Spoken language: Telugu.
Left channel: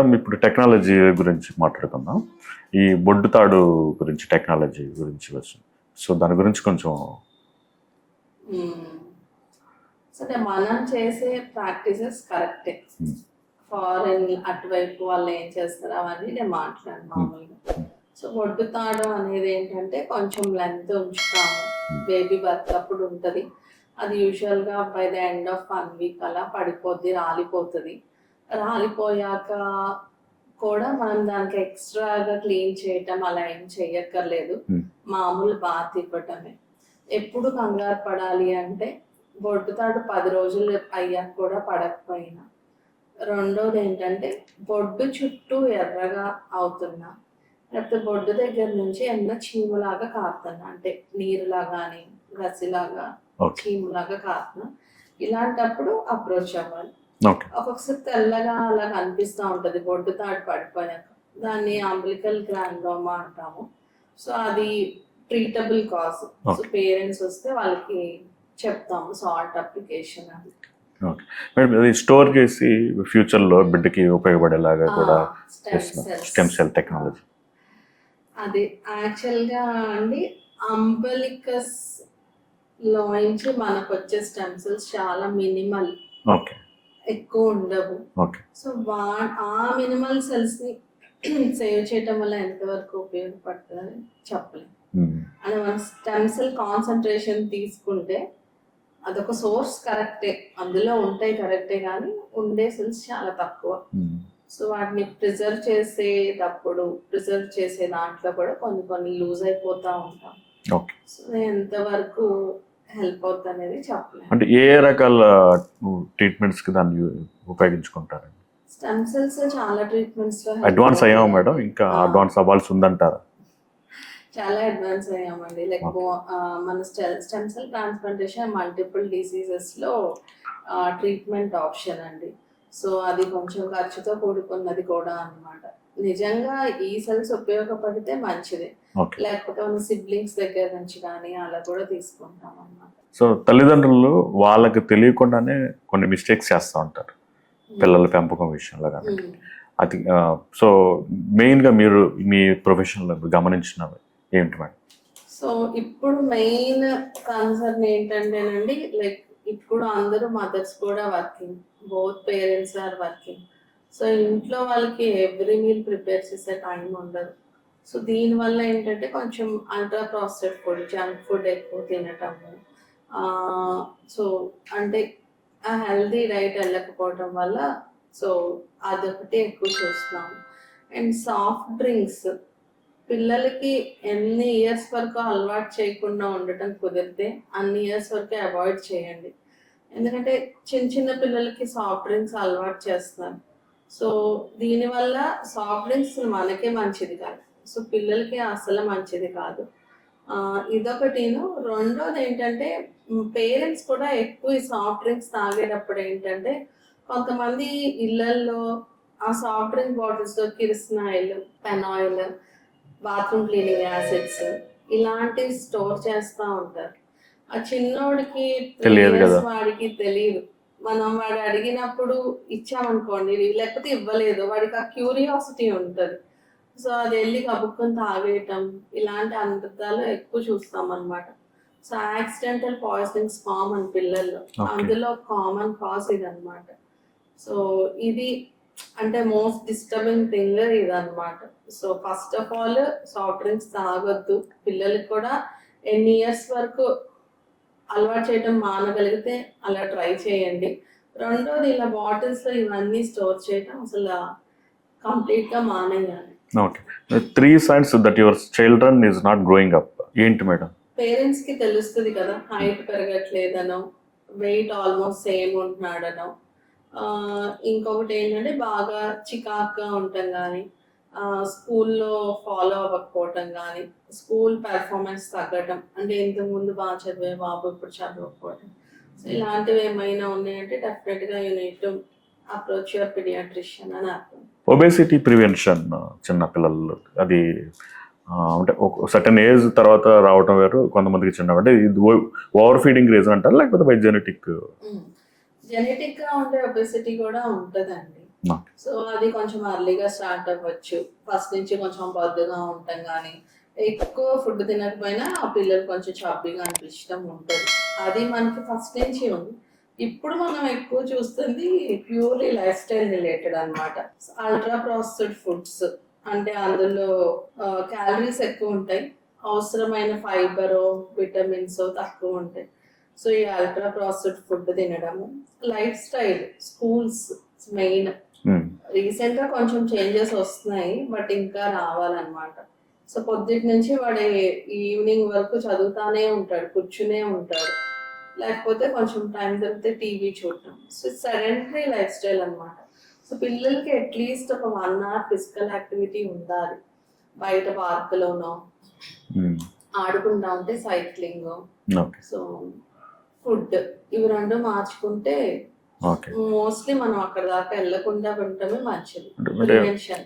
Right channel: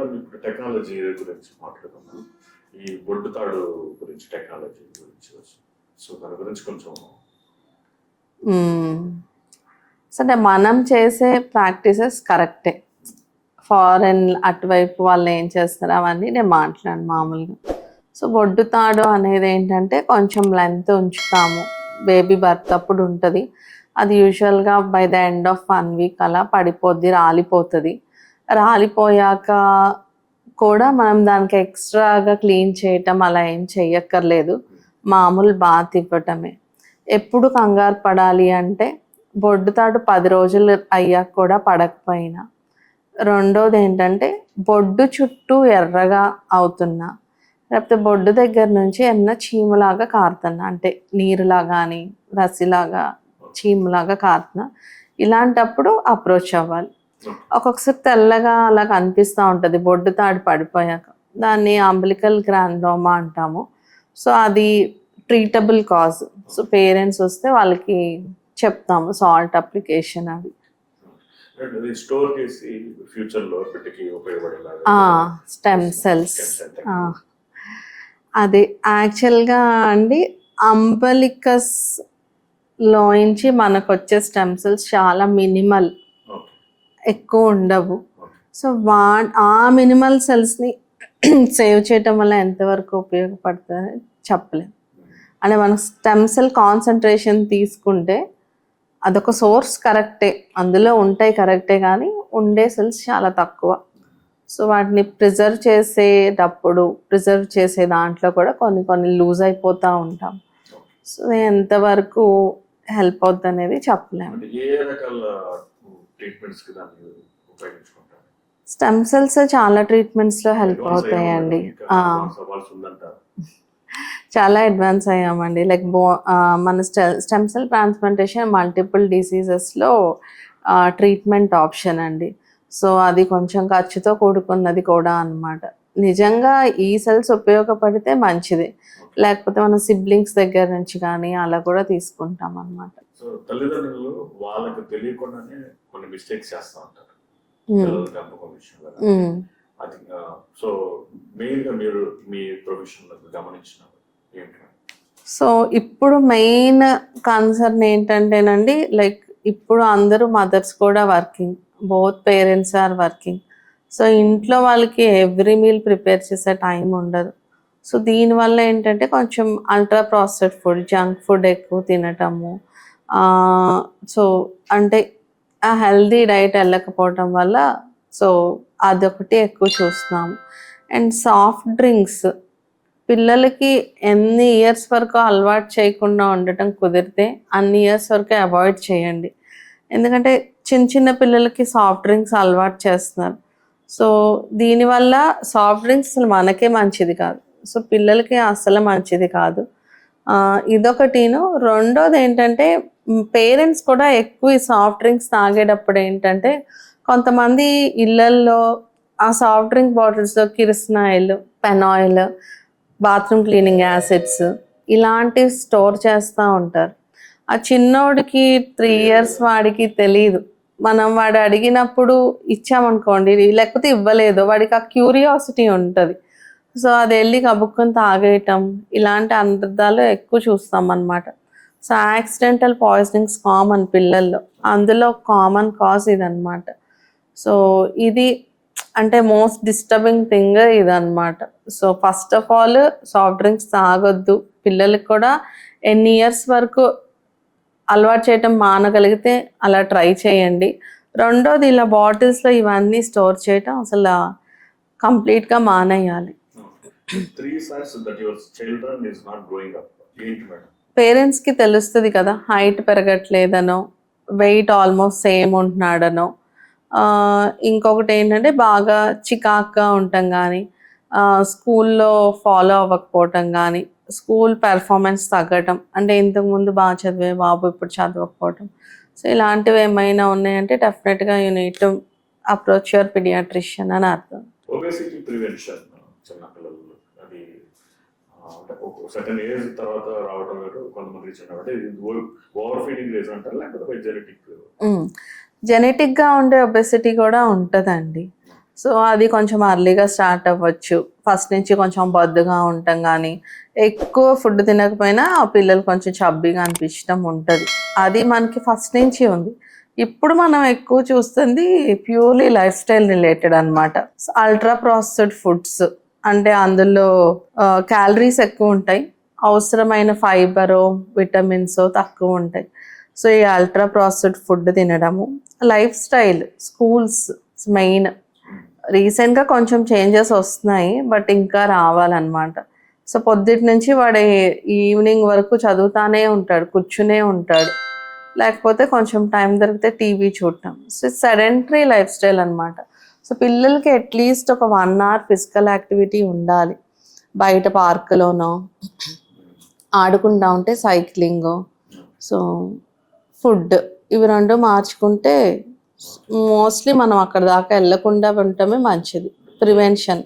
మేడం ఇప్పుడు టెక్నాలజీ గురించి మాట్లాడుకుందాం. ఈ బొడ్డు తాడు గురించి టెక్నాలజీ గురించి వస్తుంది. సో దాని గురించి కొంచెం సరే, మనం చేసే ప్రాక్టీసెస్ కరెక్టే. ఫారెన్ అటువైపు వాళ్ళు ఏం చేస్తారు అవన్నీ నేను మాట్లాడు మామూలుగా. సో బొడ్డు తాడు అనేది ఏంటంటే కొంచెం లెంత్ ఉంచుతాము, బేబీ బర్త్ అప్పుడు ఉంటుంది. అది యూజువల్గా by the end of 1 week అలా పడిపోద్ది, రాలిపోతుంది. రాలిపోయాక కూడా మనం దానికి ఎక్స్ట్రాగా క్లీన్ చేయటం అలా ఏం చెయ్యక్కర్లేదు, మామూలు బాత్ ఇవ్వటమే. ఎప్పుడు కంగారు పడాలి అంటే బొడ్డు తాడు 10 రోజులు అయ్యాక కూడా పడకపోయినా. రెండోది ఏంటంటే బొడ్డు చుట్టూ ఎర్రగా అవుతున్నా, లేకపోతే బొడ్డు దగ్గర నుంచి ఏమన్నా చీములాగా కారుతున్నా, అంటే నీరులా కానీ రసిలాగా చీములాగా కారుతున్నా, ఇలాంటప్పుడు అప్రోచ్ అవ్వాలి. ఒక్కొక్కసారి తెల్లగా అలా కనిపిస్తూ ఉంటుంది బొడ్డు తాడు పడిపోయాక, దాన్ని అంబిలికల్ గ్రాండోమా అంటాము. సో అది ట్రీటబుల్ కాజ్. సో పేరెంట్స్ వస్తే వాళ్ళకి చెప్తాము సాల్ట్ అప్లికేషన్ అది. స్టోర్ చేసి ఫ్యూచర్లో బిడ్డకి ఉపయోగపడేలాగా స్టెమ్ సెల్ టెక్నాలజీ అది యాక్చువల్గా అండి. అంబలికస్ లోంచి మనకు వచ్చే స్టెమ్ సెల్స్ చాలా మినిమల్, ఎక్కువ ఉండవు. సో ఆ మినిమల్ సెల్స్ని సేవ్ చేయటం వల్ల ఎంతవరకు ఉపయోగపడుతుంది చెప్పలేము. అంటే మనం స్టెమ్ సెల్ కాన్సన్ట్రేషన్ తీసుకుంటే అదొక సోర్స్ కరెక్టే, అందులో ఉంటాయి కరెక్టే, కానీ ఉండే సెల్స్ చాలా తక్కువ. సో వాటిని ప్రిజర్వ్ చేసే దాంట్లో కూడా కొన్ని లూజ్ అయిపోతూ ఉంటాం. సో ఎంతవరకు హెల్ప్ అవుతుంది అనేది చెప్పలేము. అంటే ఏ రకాల ట్రీట్మెంట్స్ కి దాన్ని ఉపయోగించుకుంటారు? స్టెమ్ సెల్స్ చాలా ట్రీట్మెంట్స్ లో హెల్ప్ అవుతాయి. చాలా అడ్వాన్స్ అయ్యామండి. లైక్ మన స్టెమ్ సెల్ ట్రాన్స్ప్లాంటేషన్ మల్టిపుల్ డిసీజెస్లో ట్రీట్మెంట్ ఆప్షన్ అండి. సో అది కొంచెం ఖర్చుతో కూడుకున్నది కూడా అన్నమాట. నిజంగా ఈ సెల్స్ ఉపయోగపడితే మంచిది, లేకపోతే మన సిబ్లింగ్స్ దగ్గర నుంచి కానీ అలా కూడా తీసుకుంటాం అన్నమాట. సో తల్లిదండ్రులు వాళ్ళకి తెలియకుండానే కొన్ని మిస్టేక్స్ చేస్తూ ఉంటారు పిల్లల పెంపకం విషయంలో. అది సో మెయిన్గా మీరు మీ ప్రొఫెషన్లో గమనించినవి ఏంటి మేడం? సో ఇప్పుడు మెయిన్ కన్సర్న్ ఏంటంటేనండి, లైక్ ఇప్పుడు అందరూ మదర్స్ కూడా working, both parents are working. So ఇంట్లో వాళ్ళకి ఎవ్రీ మీల్ ప్రిపేర్ చేసే టైం ఉండదు. సో దీనివల్ల ఏంటంటే కొంచెం ultra processed food, junk food ఎక్కువ తినటము, సో అంటే ఆ హెల్దీ డైట్ వెళ్ళకపోవటం వల్ల సో అదొకటి ఎక్కువ చూస్తున్నాము. అండ్ సాఫ్ట్ డ్రింక్స్ పిల్లలకి ఎన్ని ఇయర్స్ వరకు అలవాటు చేయకుండా ఉండటం కుదిరితే అన్ని ఇయర్స్ వరకు అవాయిడ్ చేయండి. ఎందుకంటే చిన్న పిల్లలకి సాఫ్ట్ డ్రింక్స్ అలవాటు చేస్తున్నారు. సో దీనివల్ల సాఫ్ట్ డ్రింక్స్ అసలు మనకే మంచిది కాదు, సో పిల్లలకి అసలు మంచిది కాదు. ఇదొకటిను. రెండోది ఏంటంటే పేరెంట్స్ కూడా ఎక్కువ ఈ సాఫ్ట్ డ్రింక్స్ తాగేటప్పుడు ఏంటంటే కొంతమంది ఇళ్ళల్లో ఆ సాఫ్ట్ డ్రింక్ బాటిల్స్లో కిరసనాయిల్, పెనాయిల్, బాత్రూమ్ క్లీనింగ్ యాసిడ్స్ ఇలాంటివి స్టోర్ చేస్తూ ఉంటారు. ఆ చిన్నోడికి 3 years వాడికి తెలియదు. మనం వాడు అడిగినప్పుడు ఇచ్చామనుకోండి, లేకపోతే ఇవ్వలేదు, వాడికి ఆ క్యూరియాసిటీ ఉంటుంది. సో అది వెళ్ళి కబుక్కుని తాగేయటం, ఇలాంటి అనర్థాలు ఎక్కువ చూస్తాం అన్నమాట. సో యాక్సిడెంటల్ పాయిజనింగ్స్ కామన్ పిల్లల్లో, అందులో కామన్ కాజ్ ఇదన్నమాట. సో ఇది అంటే మోస్ట్ డిస్టర్బింగ్ థింగ్ ఇదన్నమాట. So first of all soft drinks తాగొద్దు. పిల్లలకి కూడా ఎన్ని ఇయర్స్ వరకు అలవాటు చేయటం మానగలిగితే అలా ట్రై చేయండి. రెండోది ఇలా బాటిల్స్లో ఇవన్నీ స్టోర్ చేయటం అసలు కంప్లీట్గా మానేయాలి. Okay. 3 signs that your children is not growing up ఏంటి మేడం? పేరెంట్స్కి తెలుస్తుంది కదా, హైట్ పెరగట్లేదనో, వెయిట్ ఆల్మోస్ట్ సేమ్ ఉంటున్నాడనో, ఇంకొకటి ఏంటంటే బాగా చికాక్గా ఉండటం కానీ, స్కూల్లో ఫాలో అవ్వకపోవటం కానీ, స్కూల్ పెర్ఫార్మెన్స్ తగ్గటం, అంటే ఇంతకుముందు బాగా చదివే బాబు ఇప్పుడు చదవకపోవటం. సో ఇలాంటివి ఏమైనా ఉన్నాయంటే డెఫినెట్గా you need to approach your paediatrician అని అర్థం. ఒబేసిటీ ప్రివెన్షన్ చిన్నపిల్లలు అది అంటే ఒక సర్టన్ ఏజ్ తర్వాత రావటం వేరు, కొంతమందికి చిన్న అంటే ఇది ఓవర్ ఫీడింగ్ రీజన్ అంటారు, లేకపోతే బై జెనెటిక్? జెనెటిక్గా ఉండే ఒబెసిటీ కూడా ఉంటుందండి. No. సో అది కొంచెం అర్లీగా స్టార్ట్ అవ్వచ్చు. ఫస్ట్ నుంచి కొంచెం బొద్దుగా ఉంటాం కానీ ఎక్కువ ఫుడ్ తినకపోయినా ఆ పిల్లలు కొంచెం చబ్బీగా అనిపించడం ఉంటుంది. అది మనకి ఫస్ట్ నుంచి ఉంది. ఇప్పుడు మనం ఎక్కువ చూస్తుంది ప్యూర్లీ లైఫ్ స్టైల్ రిలేటెడ్ అనమాట. అల్ట్రా ప్రాసెస్డ్ ఫుడ్స్ అంటే అందులో క్యాలరీస్ ఎక్కువ ఉంటాయి, అవసరమైన ఫైబరు విటమిన్స్ తక్కువ ఉంటాయి. సో ఈ అల్ట్రా ప్రాసెస్డ్ ఫుడ్ తినడము, లైఫ్ స్టైల్, స్కూల్స్ మెయిన్. రీసెంట్గా కొంచెం చేంజెస్ వస్తున్నాయి బట్ ఇంకా రావాలన్నమాట. సో పొద్దుటి నుంచి వాడు ఈవినింగ్ వరకు చదువుతానే ఉంటాడు, కూర్చునే ఉంటాడు, లేకపోతే కొంచెం టైం దొరికితే టీవీ చూడటం. సో సెడెంటరీ లైఫ్ స్టైల్ అనమాట. సో పిల్లలకి అట్లీస్ట్ ఒక 1 hour ఫిజికల్ యాక్టివిటీ ఉండాలి. బయట పార్కులోనో ఆడుకుంటా ఉంటే సైక్లింగ్, ఓకే. సో ఫుడ్, ఇవి రెండు మార్చుకుంటే ఓకే. మోస్ట్లీ మనం అక్కడ దాకా వెళ్ళకుండా ఉండటమే మంచిది. అంటే ప్రివెన్షన్.